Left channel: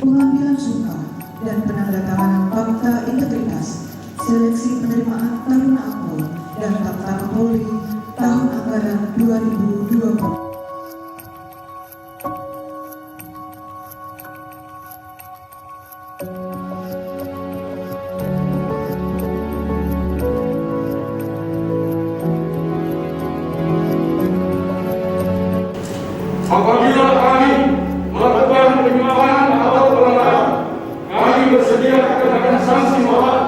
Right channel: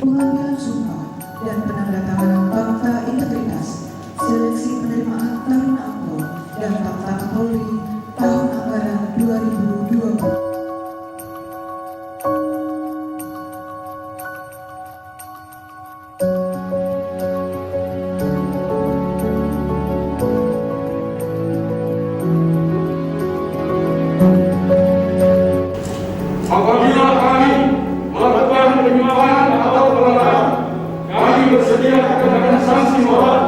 pengambilan sumpah dan penandatanganan fakta integritas, seleksi penerimaan Taruna Akpol dan Fakta Kapolri tahun anggaran 2020. Apabila kami melakukan penyimpangan atau pelanggaran, kami bersedia dikenakan sanksi moral,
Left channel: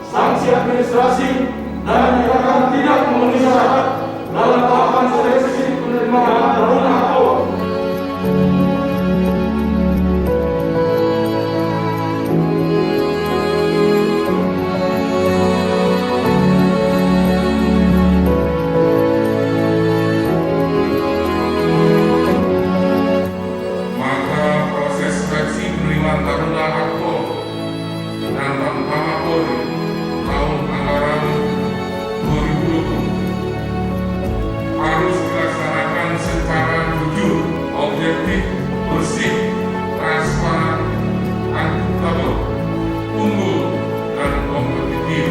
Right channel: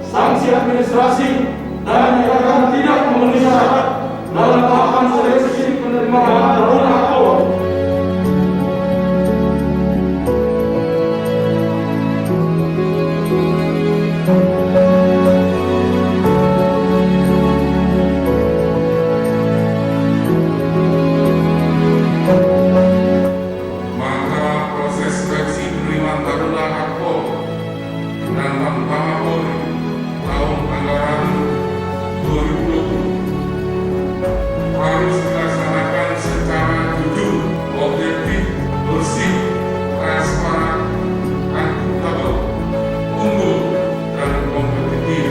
sanksi administrasi, dan akan tidak memenuhi syarat dalam tahapan seleksi penerimaan Taruna Akpol. Seleksi penerimaan Taruna Akpol dan Tamtama Polri tahun anggaran 2020 harus dilaksanakan secara jujur, objektif, bersih, transparan, akuntabel, unggul, dan kompetitif.